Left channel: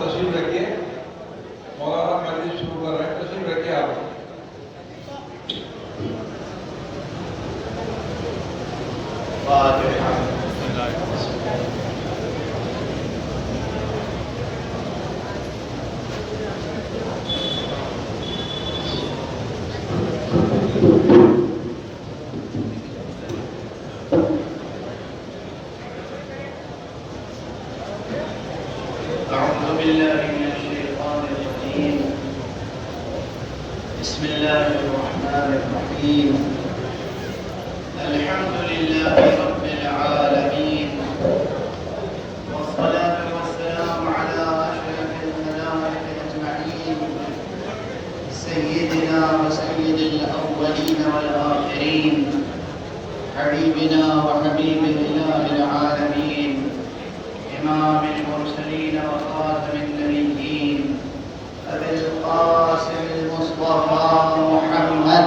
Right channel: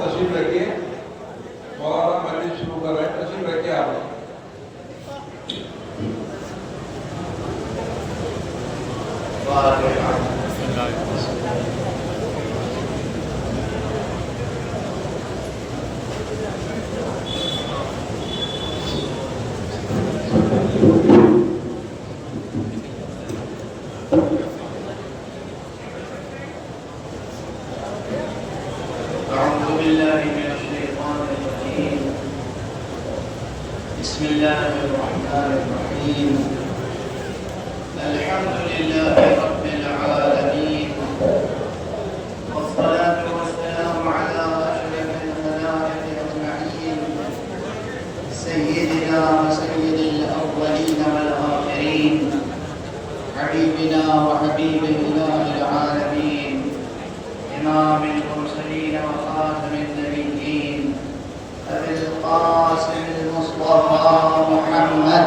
تشریف رکھیے، مولانا مجلس شروع کر رہے ہیں، تشریف رکھیے آپ. أعوذ بالله من الشيطان الرجيم. بسم الله الرحمن الرحيم. الحمد لله رب العالمين، والصلاة والسلام على أشرف الملائكة أجمعين، سيدنا وسيد الأولين والآخرين، حبيبنا وحبيب الله العالمين، إمام المرسلين وخاتم النبيين، أبي القاسم المصطفى محمد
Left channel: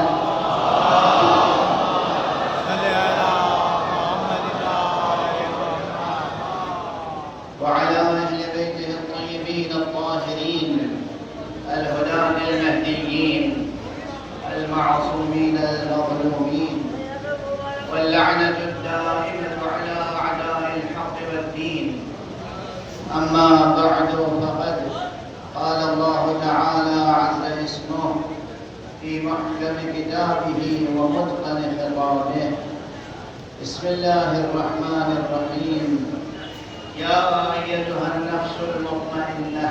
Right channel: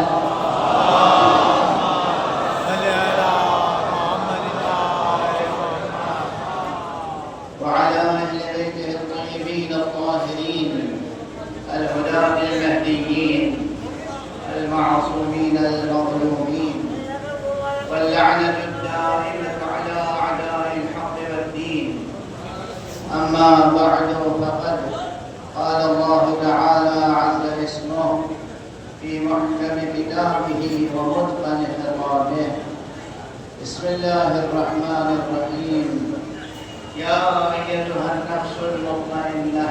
وعلى أهل بيته الطيبين الطاهرين الهداة المهديين المعصومين المظلومين، واللعنة الدائمة على أعداء الحق والدين. أما بعد، فقد قال الله تعالى عز اسمه في محكم كتابه ومتقن خطابه. بسم الله الرحمن الرحيم. يا أيتها النفس المطمئنة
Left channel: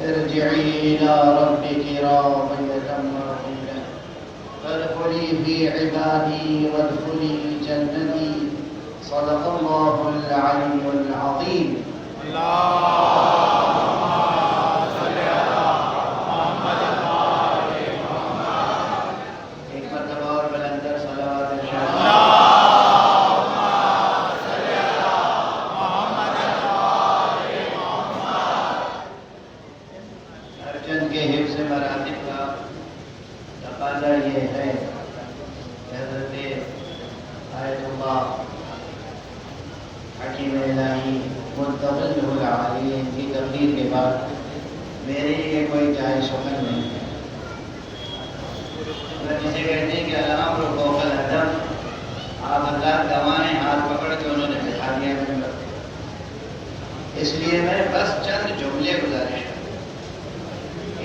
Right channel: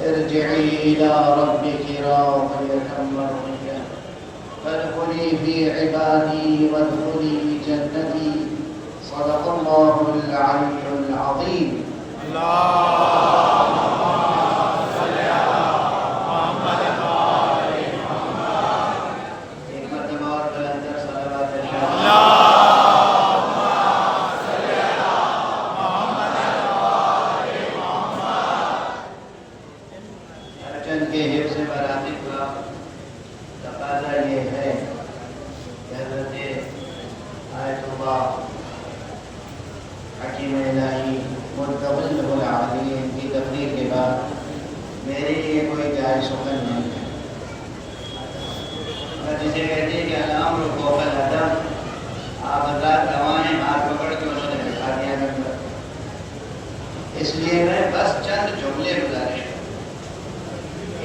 ارجعي إلى ربك راضية مرضية فادخلي في عبادي وادخلي جنتي. صدق الله العلي العظيم. ایک مرتبہ اور بلند کر صلوات ہر چند کے حفظ مراتب کا تقاضا یہ ہے کہ حضرت آیت اللہ حکیم الہی مرتضی العالمین کی تقریر کے بعد میرے لیے کوئی جائز سخن نہیں ہے. اگر جسے کہتے ہیں کہ الامر فوق الادب، آپ حضرات گوانے ہاتھ پکڑ کے انہوں نے دکھا دیا نمبر. اس لیے میں بس چند جملے گزارش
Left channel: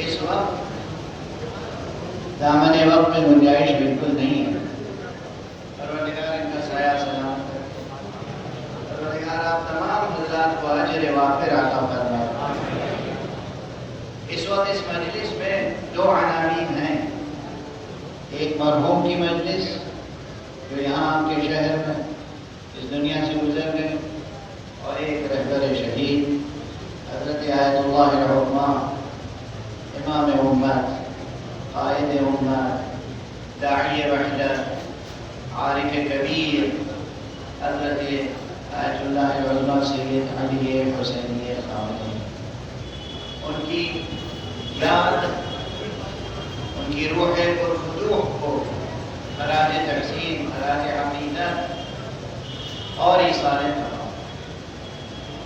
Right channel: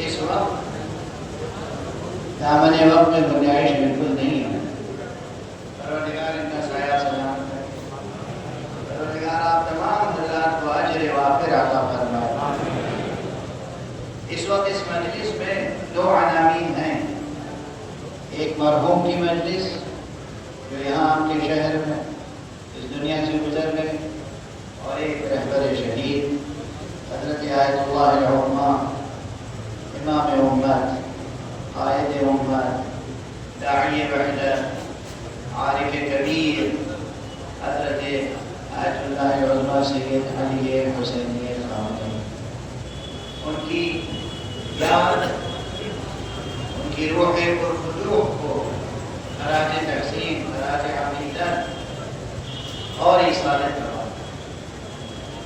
اس وقت دامن وقت میں گنجائش بالکل نہیں ہے. پروردگار ان کا سایہ سلامت کرے. پروردگار آپ تمام حضرات کو اجر وافر عطا فرمائے. اس وقت اس مجلس میں دو عناوین ہیں. ایک مرحوم کی مجلس جو یہاں آپ کے شہر میں اس دنیا سے گزر گئی، اور ایک رہبر شہید حضرت آیت اللہ العظمہ، امام امت، قائد امت، داعی وحدت، عارف کبیر حضرت آیت اللہ العظمہ سید علی حسینی خامنئی. ان کی یاد، ان کی روح پرفتوح کو خراج تقسیم، خراج عقیدت اور ایثار تمام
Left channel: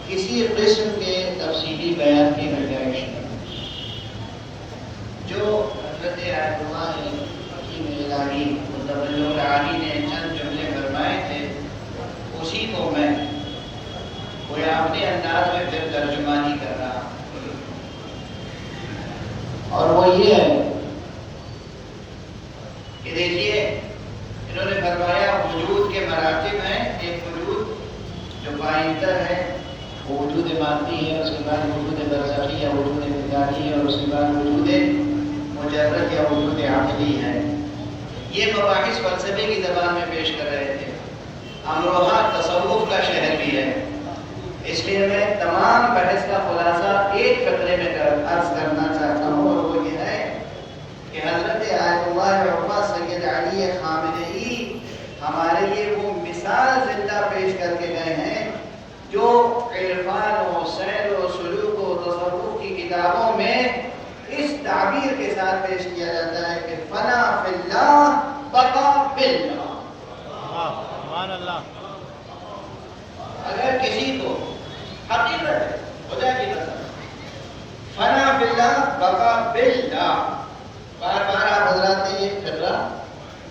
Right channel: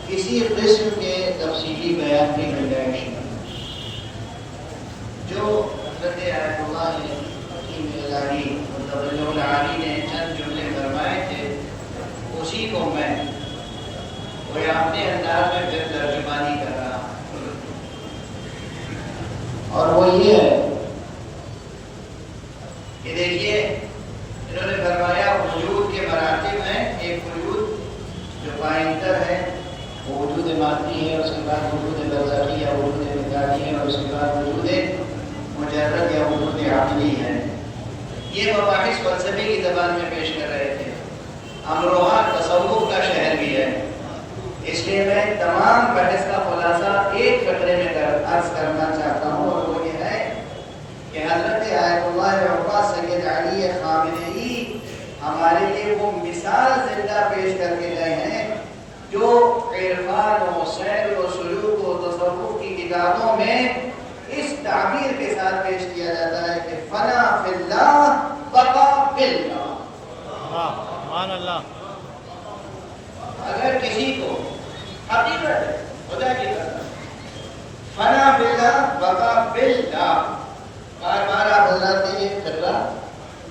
کسی قسم کے تفصیلی بیان کی گنجائش نہیں. جو حضرت آیت اللہ حکیم الہی مرتضی العالی نے چند جملے فرمائے تھے، اسی کو میں کوئی اپنے انداز میں پھر ترجمانی کر رہا ہوں. اور وہ یہ ہے کہ دیکھیے، انہوں نے فرمایا وجود کے مراتب ہیں. ایک وجود جو پائندر ہے، وہ وجود مادی ہے، اس کے بعد وجود برزخی یا وجود ذاتی ہے، اور اس کے بعد وجود مجرد یا وجود عقلی ہے. یہ مباحث فلسفے کی زبان میں پیش کر رہے تھے. امروہہ تصوف کا شہر بھی ہے، اس لیے میں تمام بحث کا خلاصہ ایک فقرے میں عرض کرنا چاہتا ہوں، اور وہ یہ ہے کہ حضرت آیت اللہ العظمہ سید علی خامنئی ہمارے لیے وہ مثال زندہ پیش کر کے گئے ہیں جو عرفان و سیر و سلوک و تصوف کی کتابوں میں اس تعبیر کے ساتھ پیش کیا جاتا ہے کہ فنا فی اللہ بقا فی اللہ. اگر خدا کی قسم فنا باللہ بقا باللہ. بار بار آپ حضرات نے یہ فقرہ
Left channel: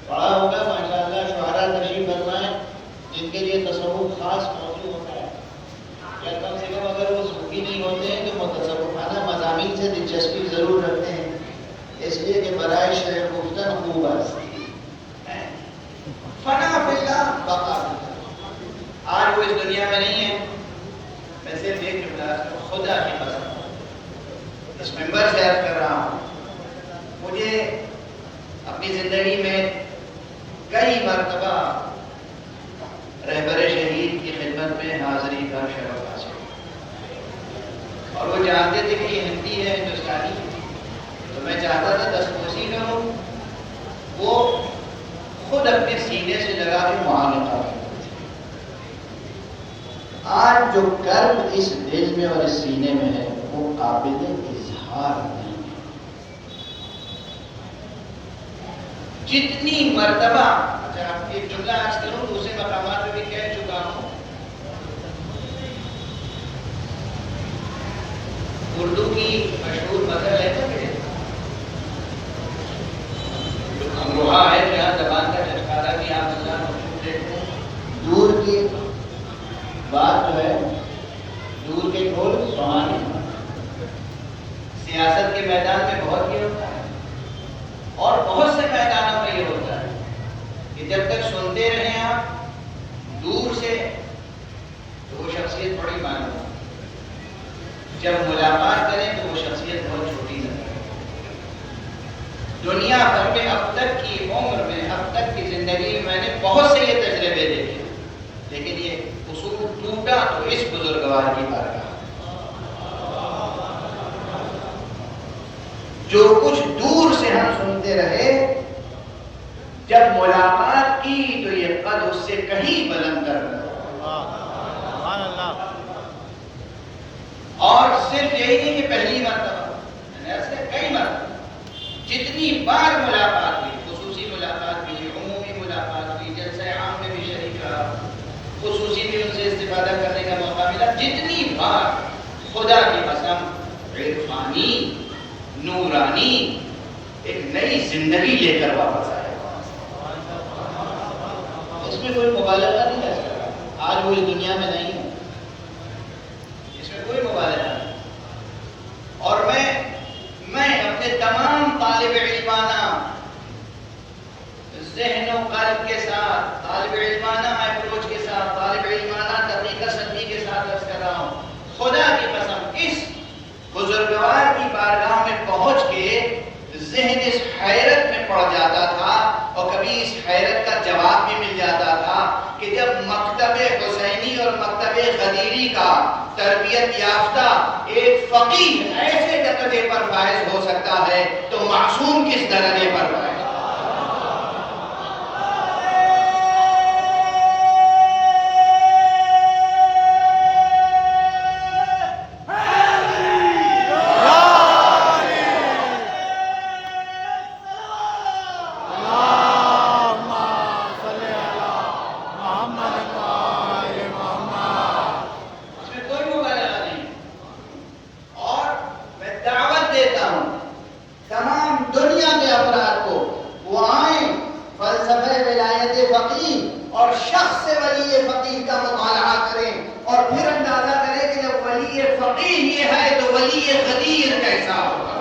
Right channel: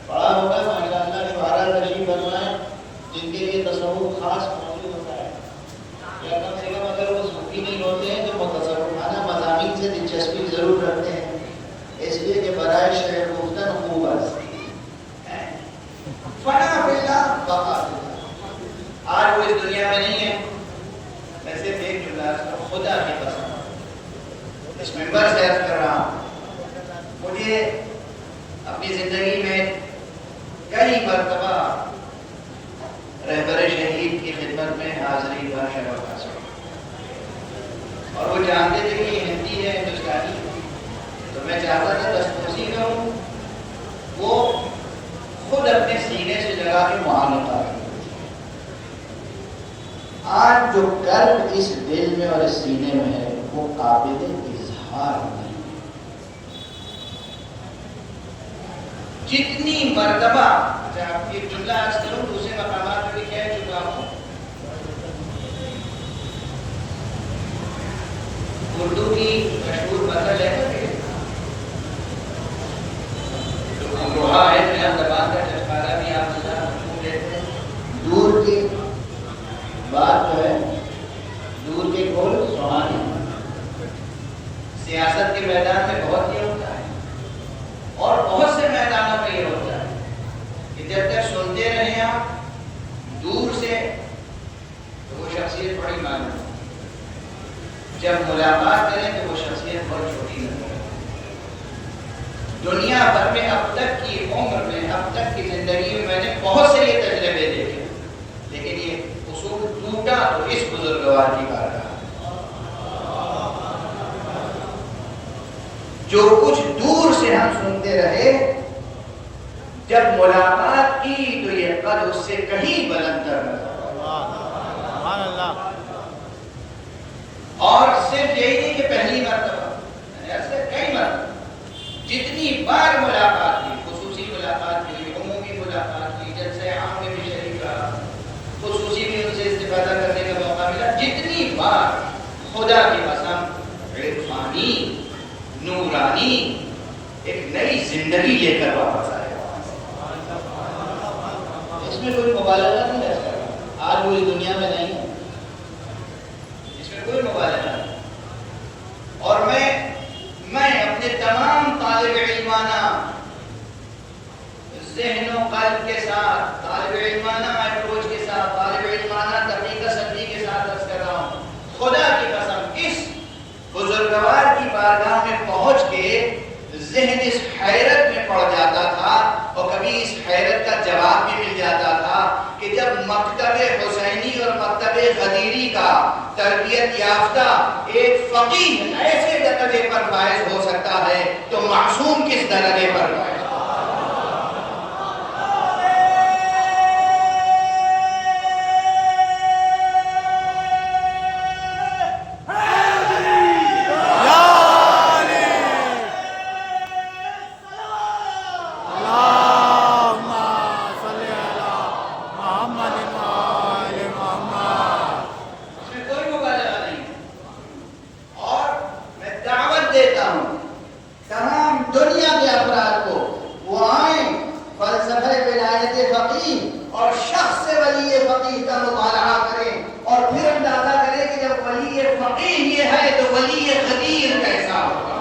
پڑھا ہوگا ماشاءاللہ. شعراء تشریف فرمائیں جن کے لیے تصوف خاص موضوع ہوتا ہے، یا کم سے کم اگر وہ صوفی نہیں ہوتے ہیں تو متصوفانہ مضامین سے دلچسپی ضرور رکھتے ہیں، اس لیے کہ برائے شعر گفتن خوب ہستی فنا باللہ بقا باللہ. آج وہ اس دنیا میں نہیں ہے، میں صرف ایک جملہ خدا کی قسم اس ممبر سے عرض کر رہا ہوں، مجھے اپنی زندگی میں کئی مرتبہ رہبر شہید کی خدمت میں حاضری کا شرف حاصل، اور وہ جانتے تھے کہ یہ ہندی ہے ہندوستانی ہے، تو میں چاہتا تھا دستوسی کروں، وہ خود اپنے سینے سے لگا کے معاملہ کریں. آج جو کرب اس دل میں اور اس سینے میں ہے وہ قابل اظہار نہیں. جتنی مرتبہ اچھا آپ یہ جملہ آج کروں دوسرے مقامات میں بھی کہہ چکا ہوں. اردو کی مشہور مثل ہے امروہا ہے جہاں زبان کا چھٹکارا بھی آپ مشہور ہے. دور کی بات جو ہے دور کے کھول سہانے. سیاست کے میدان میں بہت یہ ہوتا ہے اور بہت سے میدانوں میں یہ ہوتا ہے کہ جب تک سنتے رہیں آپ دور سے تو وہ شخصیت بڑی معلوم ہے، جب ملاقات کریں تو وہ شخصیت بہت چھوٹی ہوتی ہے. دنیا بھر میں اب تک کی عمر میں اب تک کی زندگی میں میں نے بہت سے یہ تجربے دیکھے، لیکن یہ اصول ٹوٹا تو اس بزرگوار کی بارگاہ. جو کچھ دور سے ہم سنتے رہے، جب ملاقات کی تو یہ قد اس سے کہیں بلند تر نظر. اور صرف یہی نہیں کہ پہلی مرتبہ، ایسے کئی مرتبہ جتنی بار ملاقات کی، خصوصی ملاقات کی، عمومی ملاقات کی، جلسہ عام میں بھی شریک رہا، خصوصی بھی ان سے استفادہ کرنے کا موقع ملا، جتنی بار خدا کی قسم عرفانی نورانی ایک نئی زندگی لے کر واپس آئے. اس میں کوئی مبالغہ نہیں ہے. آج وہ اس دنیا میں نہیں ہے، اس میں کوئی مبالغہ نہیں. اور میں اپنے تمام طالب علمانہ ذہن و قلب کے ساتھ، طالب علمانہ اپروچ کے ساتھ، طالب علمانہ طریقہ سنجی کے ساتھ عرض کر رہا ہوں، خدا کی قسم اس بزرگوار کی بارگاہ میں پہنچ کے ذہن اس حیرت میں پڑ جاتا تھا، اور کبھی اس حیرت کا جواب بھی مل جاتا تھا کہ جب مکتب حسینی اور مکتب غدیری کا تربیت یافتہ ایک فقیہ ایسے درجے پر فائز ہو سکتا ہے تو معصوم کس درجے پر فائز. اور شخص ولی فقیہ کا مطالعہ کریں اور پھر اندازہ کریں کہ جب ولی فقیہ یہ ہے تو ولی غدیر کیسا ہوگا.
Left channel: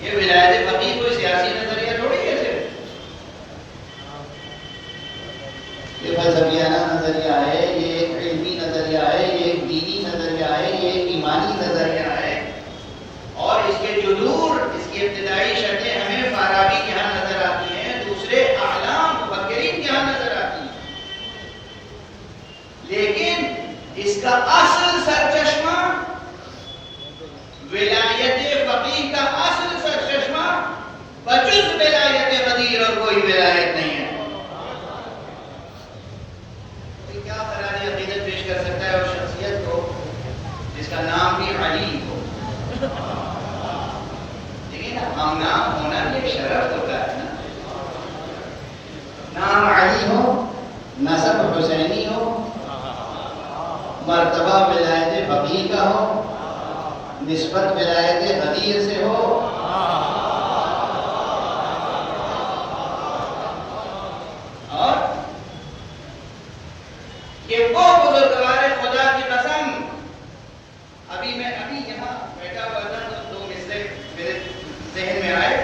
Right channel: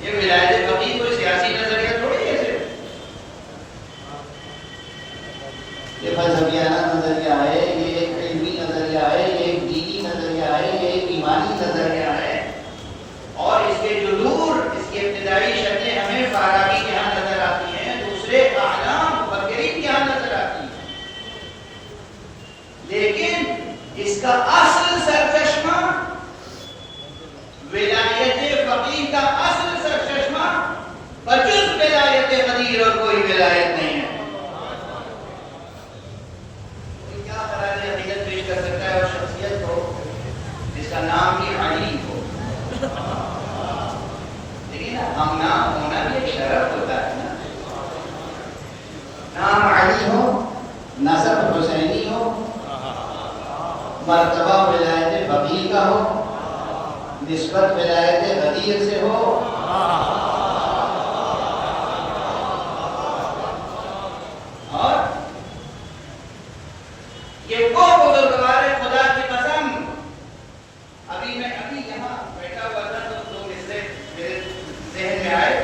یہ ولایت فقیہ کوئی سیاسی نظریہ تھوڑی ہے، یہ فلسفیانہ نظریہ ہے، یہ ایک علمی نظریہ ہے، یہ ایک دینی نظریہ ہے، یہ ایک ایمانی نظریہ ہے. اور اس کے جذور، اس کی ابتدائی شکلیں ہمیں فارابی کے ہاں نظر آتی ہیں، دوسرے اعلام مفکرین کے ہاں نظر آتی ہیں، لیکن اس کا اصل سرچشمہ ولایت فقیہ کا اصل سرچشمہ بجز ولایت غدیر اور کوئی ولایت نہیں ہے. کوئی کیا خراج عقیدت پیش کر سکتا ہے اور شخصیت کو جس کا نام بھی علی ہو. لیکن ہم نام ہونا بھی ایک شرف ہوتا ہے نا. نام علی ہو، نسب حسینی ہو، مرتبہ ولایت فقیہ کا ہو، نسبت ولایت غدیر سے ہو، اور یہ وہ بزرگوار خدا کی قسم. ابھی یہاں بیٹھا ہوا تھا تو دو مسئلے میرے ذہن میں آئے.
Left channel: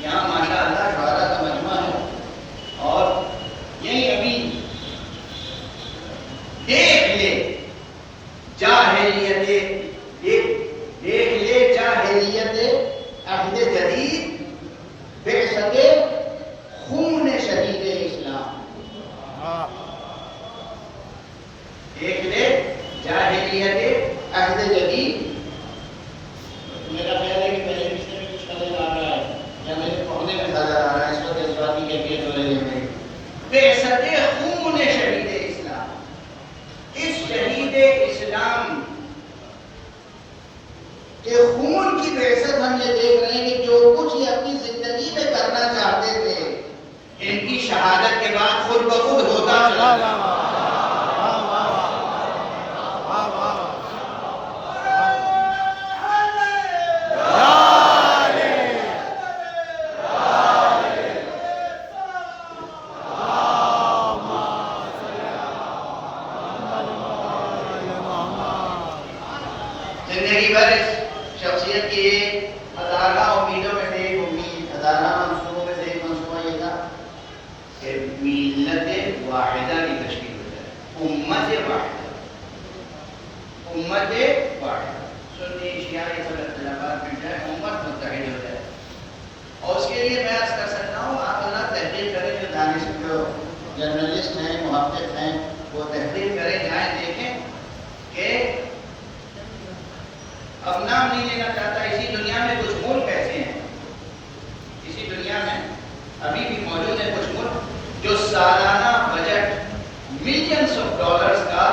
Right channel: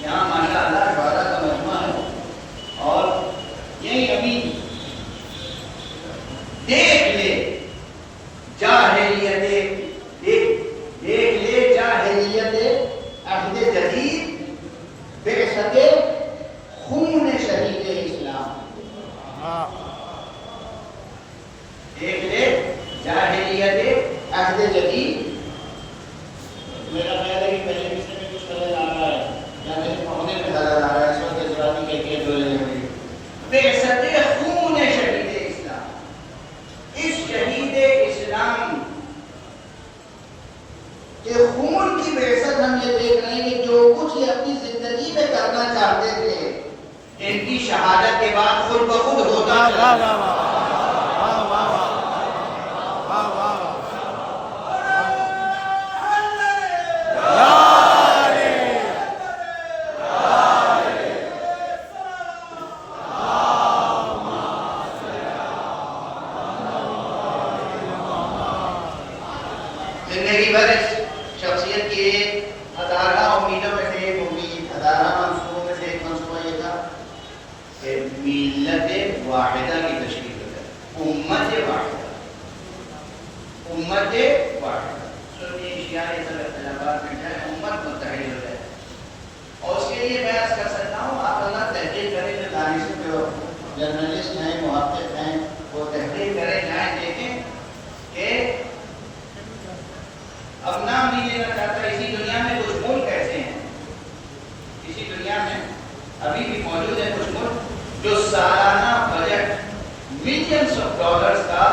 یہاں ماشاء اللہ شعراء کا مجمع ہے، اور یہی ابھی دیکھ لے جاہلیت عہد جدید بعثت خون شہید اسلام. دیکھ لے جاہلیت عہد جدید. میرا خیال ہے کہ پہلے مصرے میں کچھ خلل آ رہا ہے یا میرے پڑھنے میں خلل آ رہا ہے، اس وقت جذباتی کیفیت ہو رہی ہے میری. بعثت خون شہید اسلام. اس شہید اسلام کہ خون کی بعثت ہم یہ دیکھ رہے ہیں کہ جو کچھ یہ اپنی زندگی میں کرنا چاہتے تھے، ان کی شہادت کے بعد خود بخود ہوتا چلا. زندگی بھر اس شخصیت کی ہزارہ امیدوں میں سے ایک امید، ہزارہ منصوبوں میں سے ایک منصوبہ یہ تھا کہ ملت واحدہ کی تشکیل ہو جائے. امت واحدہ سنی شیعہ یہ سب اختلافات مٹ جائے، امت متحد ہو جائے. اور اس کے لیے میں عرض کر سکتا ہوں آپ اللہ تحقیق کریں، جو دانش جو جرنلسٹ ہیں، محقق ہیں، وہ تحقیق کریں، جائیں دیکھیں کہ اب نام نہیں لینا چاہتا، اسی دنیا میں کچھ ملک ایسے ہیں، اسی دنیا میں ابھی بھی موجود ہیں کچھ ملک جو سالانہ بجٹ ملینز آف ڈالرز کا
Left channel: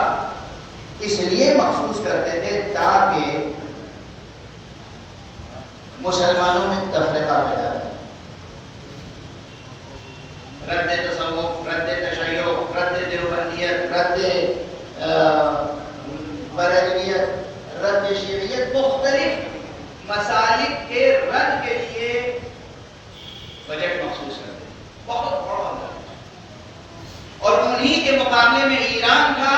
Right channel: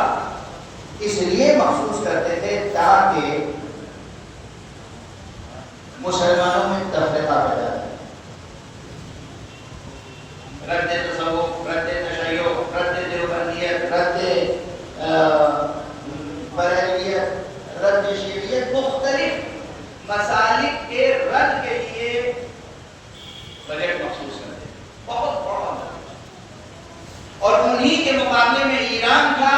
اس لیے مخصوص کرتے تھے تاکہ مسلمانوں میں تفرقہ پیدا کرے. رد تصوف، رد تشیع، رد دیوبندیت، رد بریلویت، رد شیعیت، مختلف مسالک کے رد کے لیے بجٹ مخصوص کرتے ہیں. بہت بڑا بجٹ. اور انہی کے مقابلے میں ایران تھا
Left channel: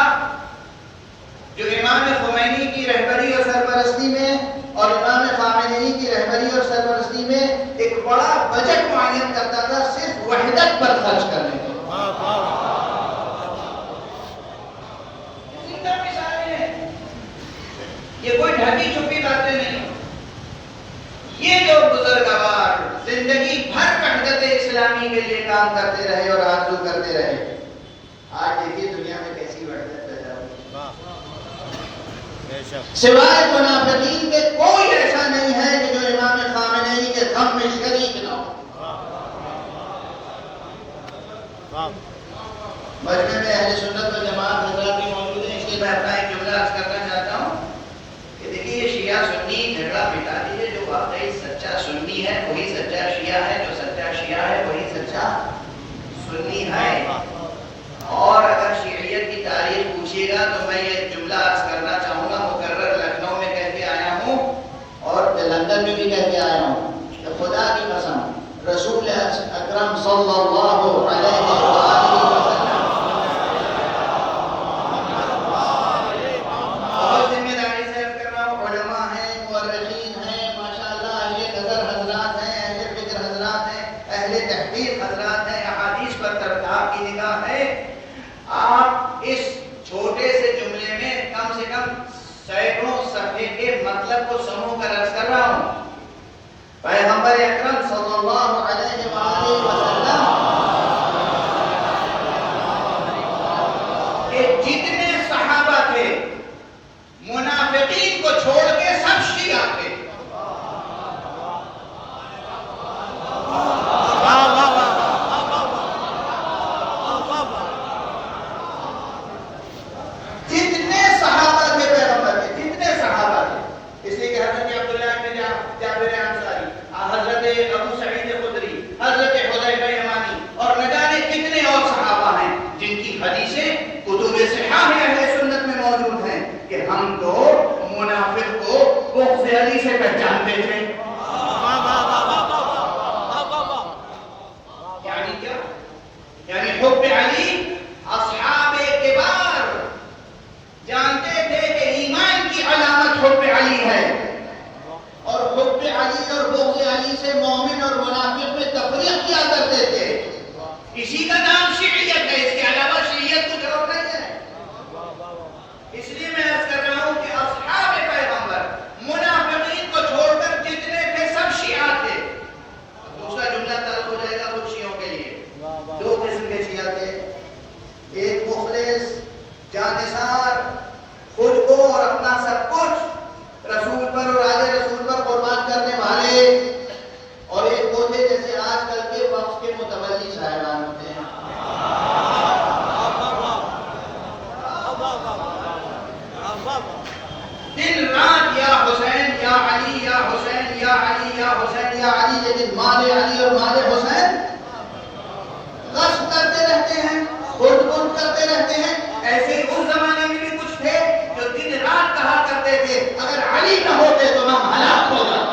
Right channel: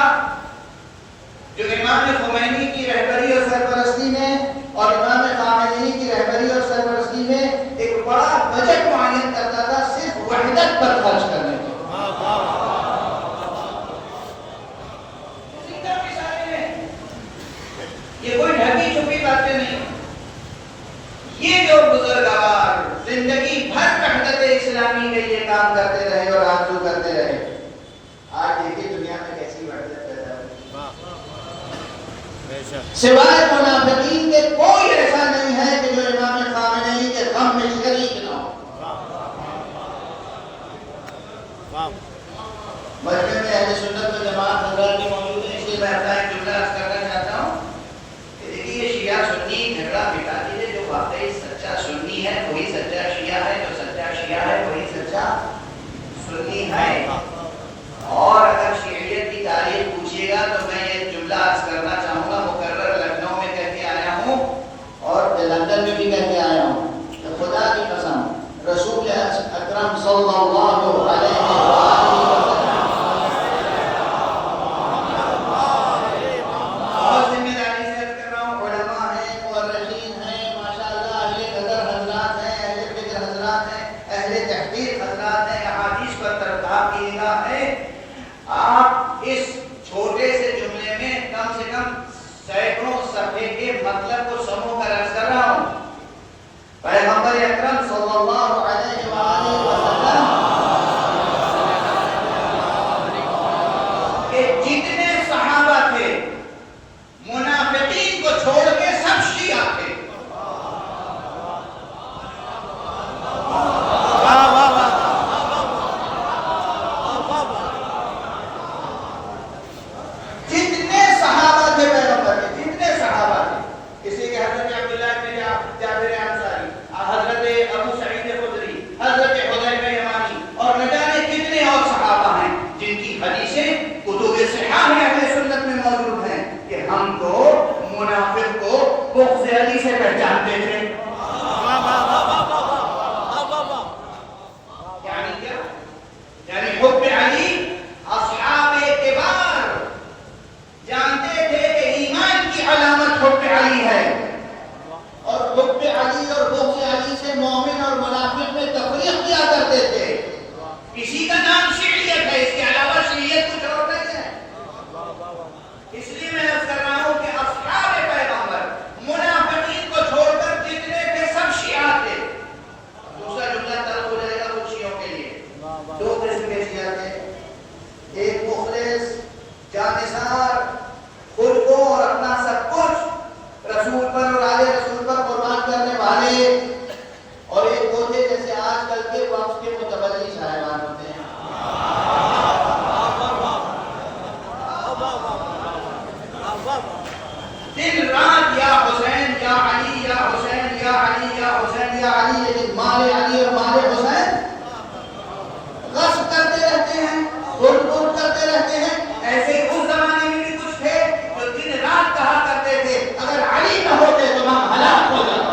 جو امام خمینی کی رہبری اور سرپرستی میں اور امام خامنئی کی رہبری اور سرپرستی میں ایک بڑا بجٹ معین کرتا تھا صرف وحدت پر خرچ کرنے کے. یہ کوئی ڈھکی چھپی باتیں نہیں. یہ جو بزرگوار زندگی بھر وحدت اسلامی کے لیے کام کرتے رہے اور آرزو کرتے رہے، آج دیکھیے دنیا میں کیسی وحدت پیدا ہوئی. سوائے منافقین کے کوئی ایسا نہیں ہے کہ جو امام خامنئی کے غم میں شریک نہ ہو. مجمع میں اہل سنت و جماعت حضرات بھی موجود ہیں، اس لیے میں اپنا ایک جملہ عرض کرنا چاہتا ہوں کہ دیکھیے یہ شیعہ سنی جھگڑا مٹا دیجیے. جو واقعی سچا سنی ہے وہی سچا شیعہ ہے، جو سچا شیعہ ہے وہی سچا سنی ہے. اور اگر شیعیت کی تاریخ پوچھیے گا تو میں یہ جملہ عرض کرنا چاہوں گا، مقرر لکھنؤ میں کہہ کے آیا ہوں اور لندن میں بھی کہہ کے آیا ہوں کہ خدا کی قسم رسول اکرم صلی اللہ علیہ وسلم اور ذمہ داری سے عرض کر رہا ہوں، علماء ہیں، مورخین ہیں، ماشاءاللہ اہل نظر حضرات ہیں، اہل فکر حضرات ہیں، اہل تحقیق حضرات ہیں، احادیث پر ترتاب کی نگاہ ہے. آپ اس چھوٹے سے جملے میں کم سے کم سینکڑوں صفحے کے مطلب کو سمو کر عرض کر رہا ہوں. پیغمبر اکرم صلی اللہ علیہ وآلہ وسلم کہ جتنے صحابہ تھے منافقین کو چھوڑ کے سب شیعہ تھے. جتنے صحابہ تھے پیغمبر کے، جتنے صحابہ تھے، اس لیے کہ حضرت عبداللہ بن جابر انصاری، حضرت ابو سعید خدری، حضرت حذیفہ یمانی اور نہ جانے کتنے اور صحابہ ہیں جن کی حدیثیں کتب صحاح اہل سنت میں موجود ہیں. کہ ہم تو منافق کو بغض علی سے پہچانتے تھے. یعنی کیا؟ یعنی حب علی اصحاب اعتبار جانتے تھے کہ ایمان کی علامت حب علی ہے، اور حب علی اور بغض علی سے مومن اور منافق میں تفریق کیا کرتے تھے. اسی کا نام شیعیت ہے، اس کے علاوہ شیعیت کچھ اور نہیں ہے. اس لیے میں عرض کر رہا ہوں کہ اصحاب پیغمبر منافقین کو چھوڑ کر جتنے تھے سب شیعہ تھے. دوسرا جملہ طلب ہو جائے گا کچھ شیعوں کے لیے. دو قسم کے شیعہ تھے، ایک مخلص جانثار خود کو اور اپنا سب کچھ رسول پر اور آل رسول پر قربان کرنے والے، اور ایک وہ تھے جیسے آج کل کے وقت کے متولی شاعران ہوتے ہیں. دن رات یا حسین یا علی یا حسین یا علی یا حسین یا علی، لیکن مال علی اور مال حسین غصب کرتے رہتے ہیں، خود خود کرتے رہتے ہیں. ایسے ہی اس زمانے میں بھی کچھ تھے جو دن رات کہا کرتے تھے اگر علی نہ ہوتے تو ہم ہلاک ہو جاتے.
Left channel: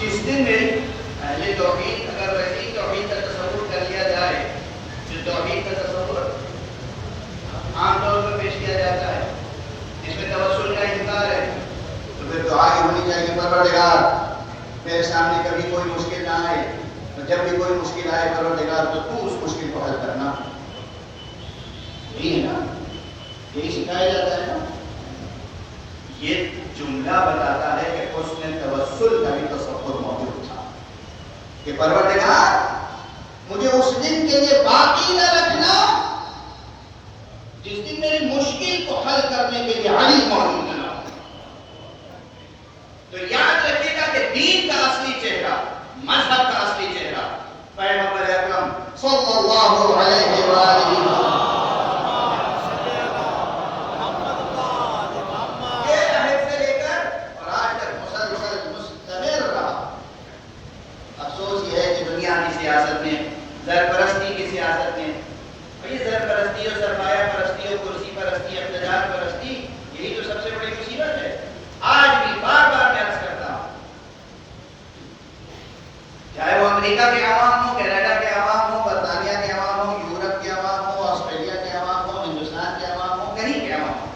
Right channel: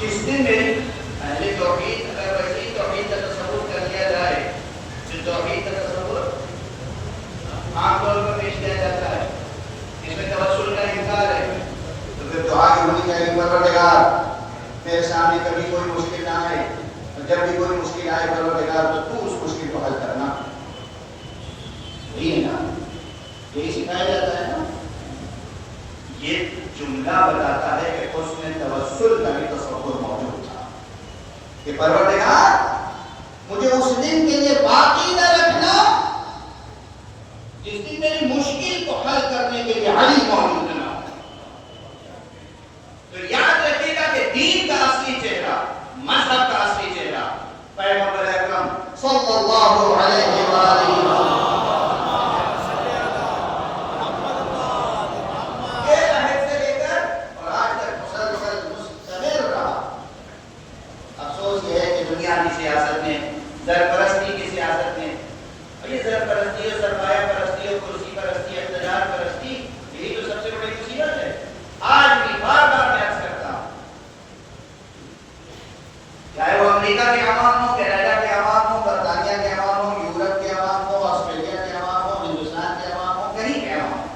جس دن میری اہل توحید اگر وسیع توحید کا تصور کر لیا جائے، جو توحید کا تصور عام طور پر پیش کیا جاتا ہے اس میں توسل کا انکار ہے، تو پھر دعا کی ہونی چاہیے پروردگار میرے سامنے کبھی کوئی مشکل نہ آئے، اور جب بھی کوئی مشکل آئے پروردگار تو اس مشکل کو حل کرنا. یہی ہے نا، یہی سکھایا جاتا ہے نا. یہ جملہ بتاتا ہے کہ حسن توسل کا بھی تصور موجود تھا کہ پروردگار مجھے اس دن کے لیے باقی نہ رکھنا جس دن میری مشکل کو حل کرنے کے لیے علی موجود نہ ہو. تو یاد رکھیے گا کہ دین کا اصلی چہرہ، مذہب کا اصلی چہرہ پیغمبر اکرم صلی اللہ علیہ وآلہ وسلم سیاست میں، زرپرستی کی سیاست میں. اور یہ زرپرستی اور سرمایہ پرستی اور کرسی پرستی، اقتدار پرستی، یہی تو سب سے بڑی مصیبت ہے. آج بھی بار بار میں عرض کرتا ہوں، چاہے وہ امریکہ کے عوام ہوں، کینیڈا کے عوام ہوں، برطانیہ کے عوام ہوں، یورپ کے عوام ہوں، آسٹریلیا کے عوام ہوں، ہندوستان کے عوام ہوں، کہیں کے عوام ہوں،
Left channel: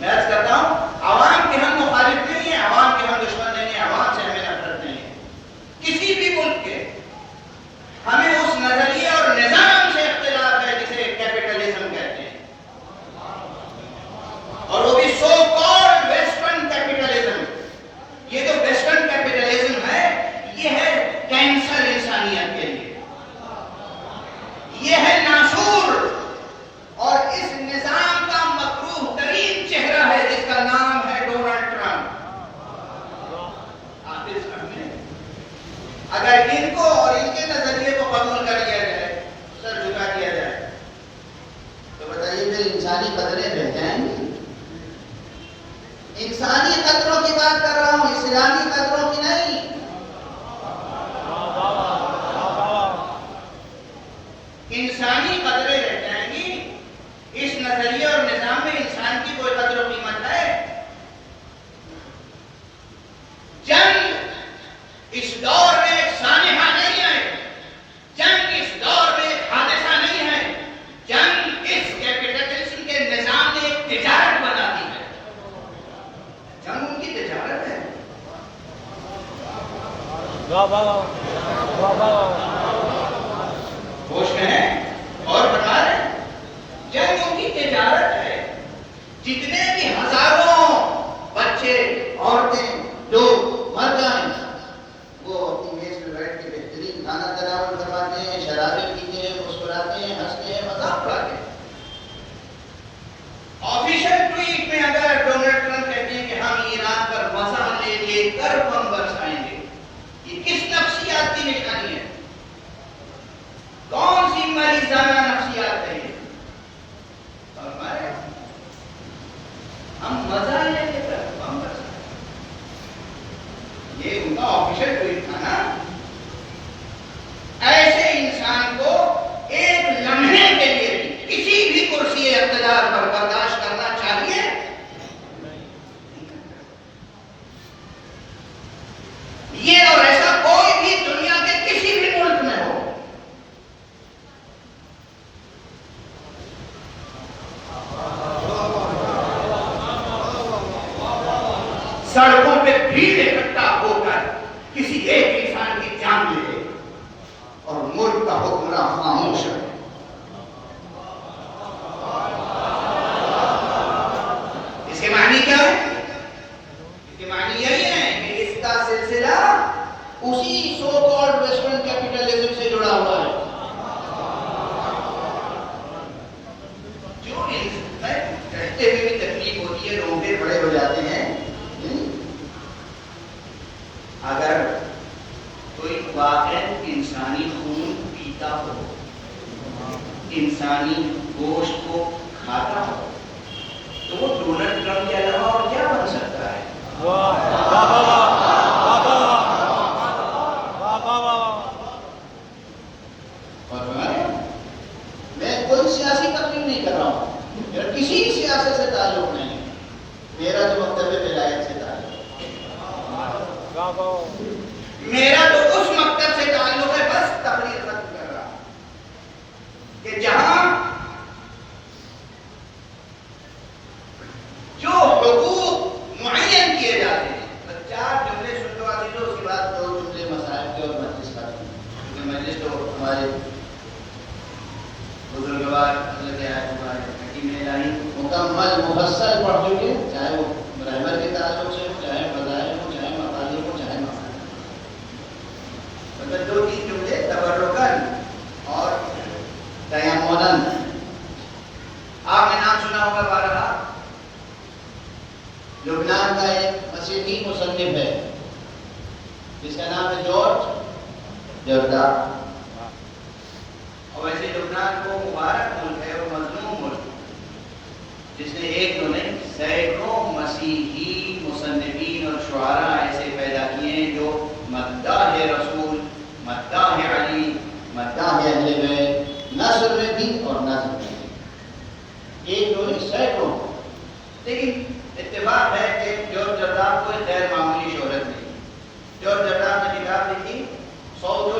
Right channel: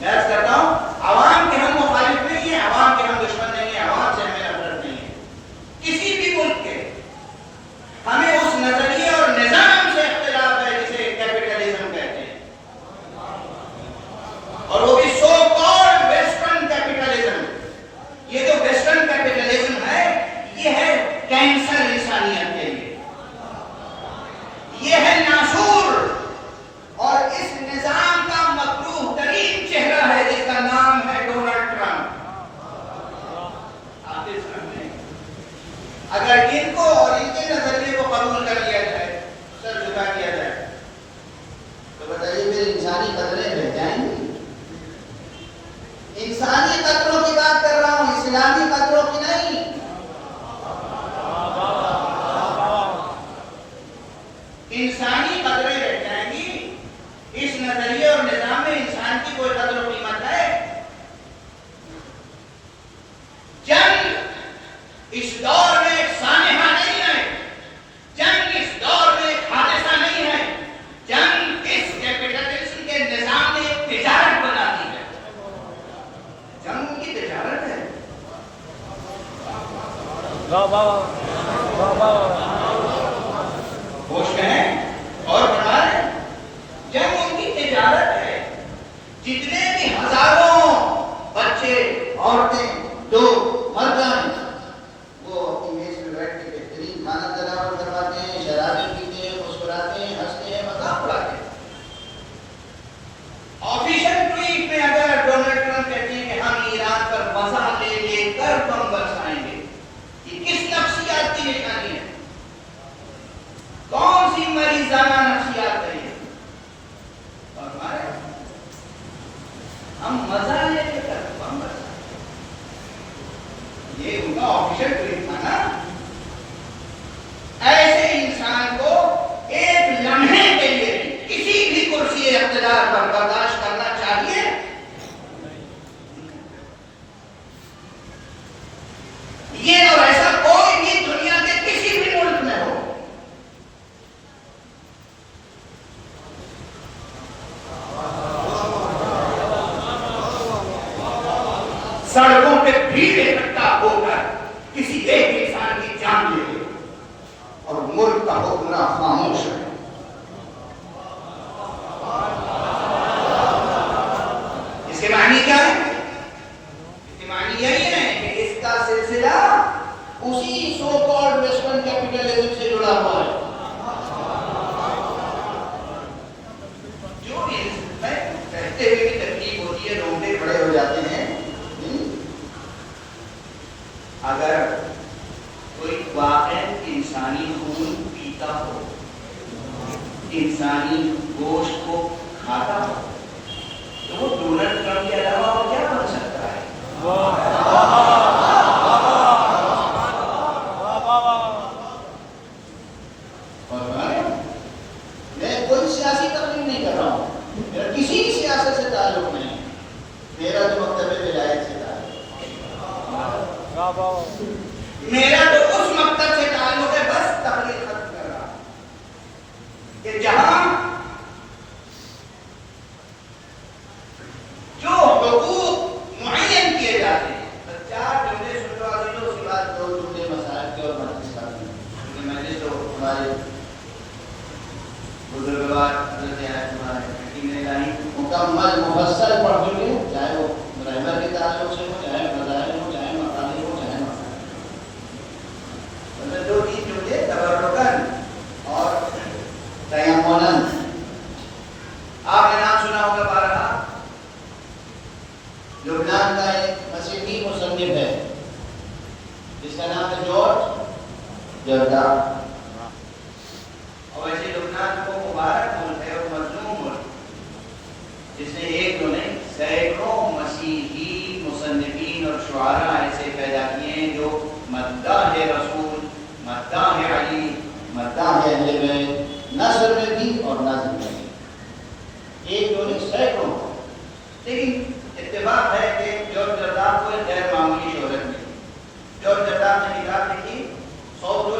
میں عرض کرتا ہوں عوام کے ہم مخالف نہیں ہیں، عوام کے ہم دشمن نہیں ہیں، عوام سے ہمیں نفرت نہیں ہے. کسی بھی ملک کے ہمیں اس نظریے اور نظام سے اختلاف ہے جسے کیپٹلزم کہتے ہیں، اور وہ بھی سو کالڈ ویسٹرن کیپٹلزم. یہ جو ویسٹرن کیپٹلزم ہے یہ ہے کینسر انسانیت کے لیے، یہ ہے ناسور، اور اس نظام کا مکروہ ترین چہرہ ہے جس کا نام ہے ڈونلڈ ٹرمپ. اگر ان کو اور ان کے نظریے کو قبول کر لیا جائے، سر جھکا دیا جائے، تو بتائیے پھر انسانی قدریں رہ جائیں گی؟ انسانی قدروں کی بات کر رہا ہوں، اسلامی قدروں کی نہیں. انسانی قدریں رہ جائیں گی. اس نظریے اور نظام میں انسان کی کوئی قدر و قیمت ہے؟ جنگ اس دور میں ایک سانحہ نہیں ہے، جنگ اس دور میں ایک حادثہ ہوش میں ہے اور بتا رہے ہیں جنگ ان کی تجارت ہے. جتنے بھی ہزاروں بچے عورتیں لوگ مر جائیں وہ اپنی میز میں بیٹھ کے بہترین کھانا تناول کرواتے ہیں, شرابیں پیتے ہیں, مسکراتے ہیں, ہنستے ہیں, مذاق اڑاتے ہیں. آفیشل ٹویٹ میں اگر ڈونلڈ ٹرمپ کہتے ہیں کہ ہم ایران پر مزہ لے لے کر بم برسائیں گے, یہ کس نفسیات کی نشانی ہے؟ کون سی مریضانہ نفسیات ہے یہ؟ اور ہمارے ہم مزہ لے لے کر بم برسائیں, یہ ان کا آفیشل ٹویٹ تھا نا. ایسے انسان کو ایک لمحے کے لیے بھی کسی بھی کرسی اقتدار پر برداشت کرنا چاہیے. یہ اور ایسا کوئی بھی دنیا کے کسی بھی ملک میں ہو. سڑکوں پہ بھیڑ اکٹھا ہو کر کسی ایک انسان کی جان لے لے اور ملک کا حکمراں خاموش ہے. اس کے معنی کیا ہے؟ اس کے معنی یہی ہے کہ اس کا سلسلہ اسی سو کالڈ ویسٹرن کیپٹلزم سے جڑا ہوا ہے جو کہتے ہوئے بھی تکلیف ہوتی ہے, روٹے بڑے ہو جاتے ہیں. اگر کوئی واقعی انسانی خون پیتا ہو, انسانی گوشت کو کھاتا ہو, تو وہ ڈونلڈ ٹرمپ کے علاوہ اور کیا بن سکتا ہے؟ میں کوئی سیاسی تقریر نہیں کر رہا ہوں, میرا کسی سیاست سے تعلق نہیں ہے. میرا تو مکتب ولایت سے تعلق ہے, میرا تو اس مکتب سے تعلق ہے. بس تقریر ختم کر رہا کہ جہاں جو حقوق معین کیے جاتے ہیں, 4 جملے سن لو آج جو, اس کے بعد 2 جملے مسائل کے اور مجلس کا, کیونکہ مجلس تو ہمارے بزرگوار حضرت آیت اللہ حکیم الہی مکمل مفصل پڑھ چکے, چاہے وہ پرائمر کے تعلق سے ہو, چاہے فضائل ہو, چاہے مقاصد ہو, چاہے مطلب 2-3 جملے تبرکن اور تیمنن. آپ نے نام سنا ہوگا بارہا, لبنان کا ایک مسیحی مصنف ہے جس کا نام ہے جارج جردہ. اور ویسے لبنان کو مبارک ملک ہے اور مظلوم ملک, جس نے ایک دو نہیں سینکڑوں مسیحی مصنفین اور شعراء ایسے پیدا کیے ہیں جو مداح رسول, مداح علی, مداح اہل بیت نثر میں بھی اور نظم میں بھی, ایک دو نہیں سینکڑوں. لیکن اتفاق ہے کہ جارج جردہ کو غیر معمولی شہرت ملی. جارج جردہ نے کتاب لکھی 100